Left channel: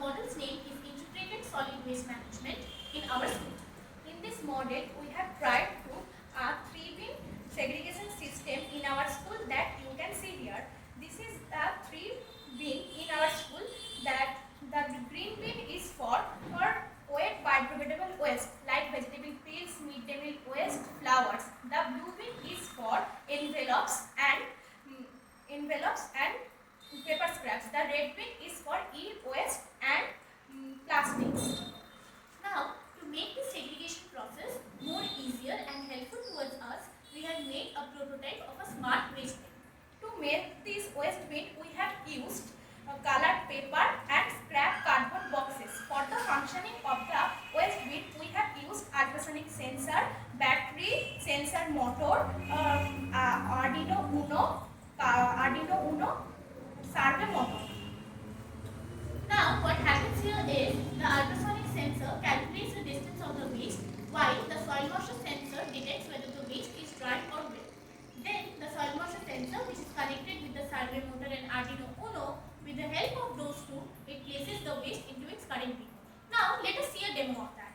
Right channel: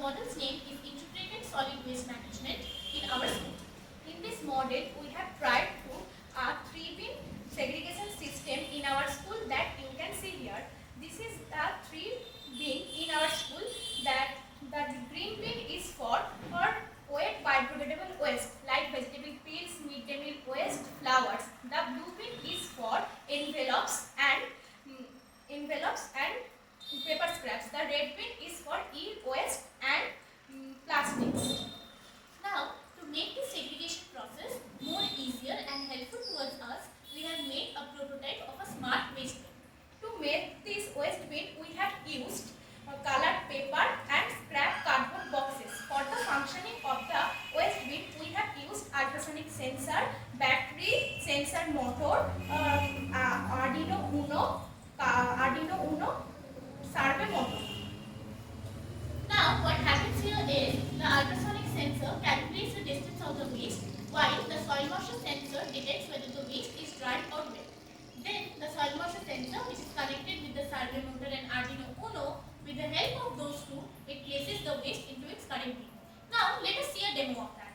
model's name is Integrated Solid Waste Management in our school. In this model, we have tried to a 3-bin segregation system in our school that you can see here. This is a 3-bin in our school. That the green bin is for wet biodegradable waste like vegetable peels, midday meal waste, flowers. The blue bin is for envelopes and paper scraps. The red bin is for e-waste and plastics. Now, to make the segregation process more easier and helpful towards us, we have made a prototype of a smart waste bin. To make this waste bin, we have used colored paper and scrap cardboard boxes. For the functioning of the waste bin, we have used ultrasonic sensor, battery, sensor motor, Arduino Uno, survey motor. Now, what happens here is the ultrasonic sensor calculates the distance of the waste, while the soil moisture sensor detects whether the waste is dry or wet. Then, the soil moisture sensor, which is connected with the survey motor and Arduino Uno, with the help of those two, it places the waste into its current bin. Now, let us see a demo of that.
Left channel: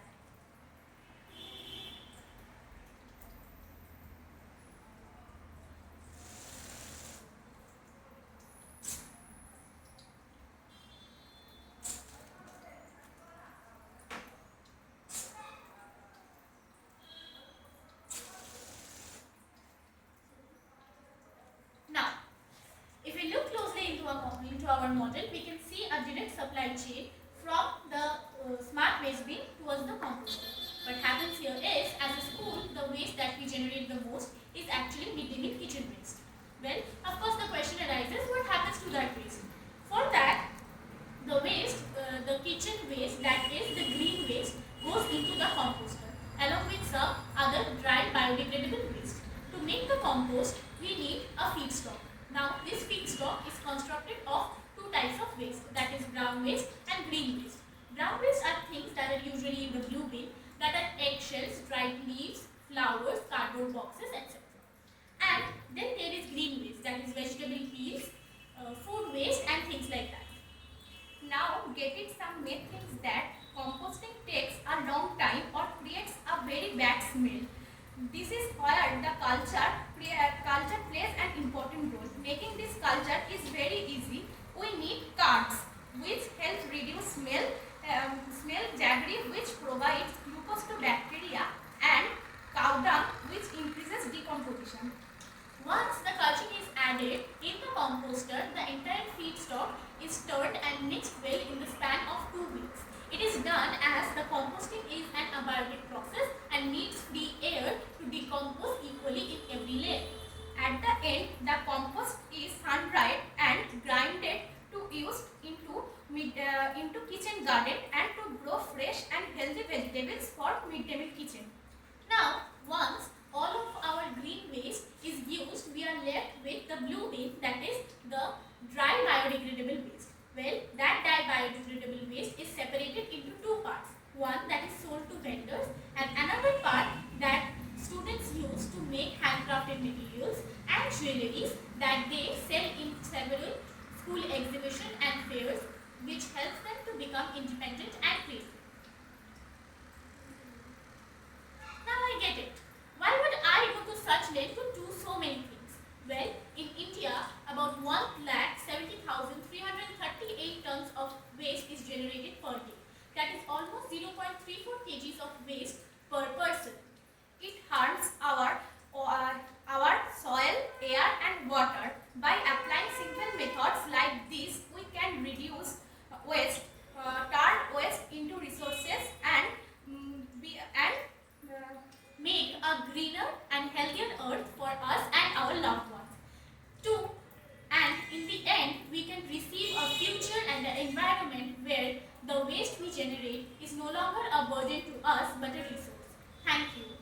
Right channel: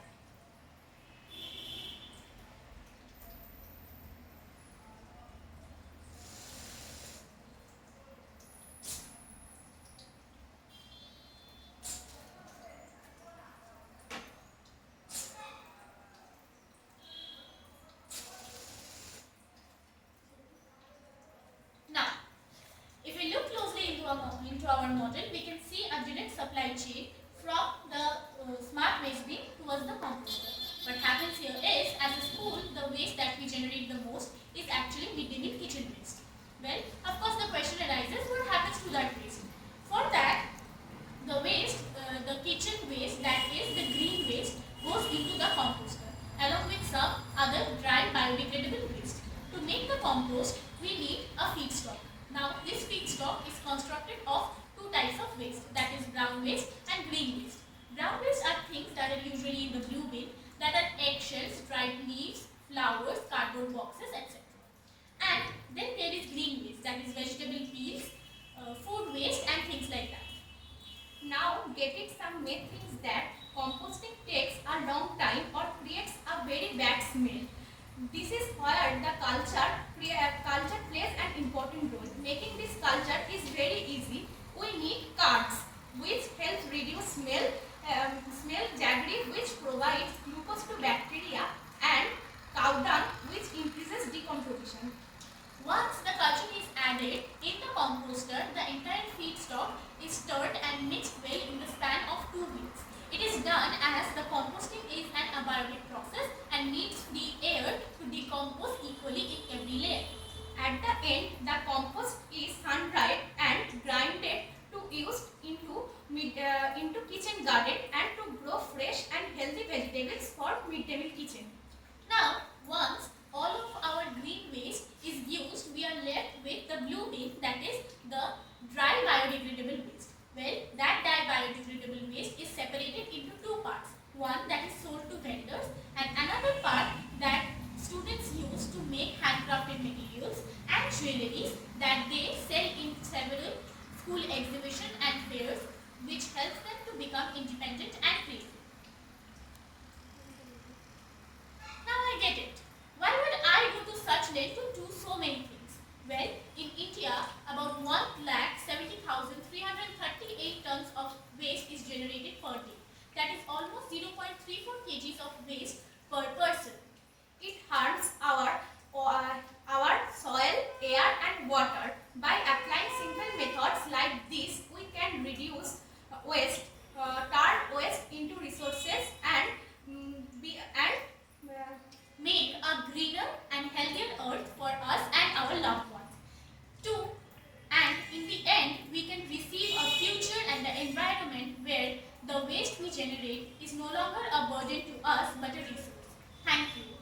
Into our model, we can see a direct supply chain from the smart waste bin towards the composter. What happens here is, as a school, the waste that we generate the most is actually midday meal kitchen waste. Well, of course, the question arises, what happens to that waste? For that, the waste, the kitchen waste, that is the green waste, goes into the composter along with some other dry biodegradable waste. To make the compost, we need a feedstock. Now, this feedstock is constructed of two types of waste, that is brown waste and green waste. Brown waste are things that are usually in the blue bin, that are eggshells, dried leaves, flowers, cardboard boxes, etc. And then there is green waste, that is vegetable peels, food waste and things like that. Now, getting some myth thinks that composting takes a long time or creates a very bad smell. This is where the culture plays an important role. Making this culture is very easy. We need cards which help reduce smell jaggery, which provides glucose to bacteria, and cow dung, which increases decomposition. Once the culture is added in the composter, the entire feedstock is stirred and mixed well in the span of 2 weeks. It is done as the composting is an abiotic process and needs free air to decompose equally in every layer. At the end, the compost is sun-dried and grinded to use into kitchen garden and to grow fresh and healthy vegetables for midday meal kitchen. Now, once all of our green waste is used, we are left with the blue bin, that is the dry biodegradable waste. Well, that dry biodegradable waste is separated into 2 parts. One that is sold to vendors and another part that students use to make handcrafted materials and jewelries that they sell in several school exhibitions and fairs, which helps them to become independent and creative. Now I get it. Why would I go to such length to do so many things? Well, in India, about 1,70,338 tons of waste is generated per day. That is almost 0.34 kgs of waste per person. It harms our soil, air and water. By applying simple methods like this, we can reduce waste, turn waste into resources and make a greener and healthier earth for us and our loved ones. And in the end, we can receive a future and an environment where the waste we generate is no longer a burden to us but a resource. Thank you.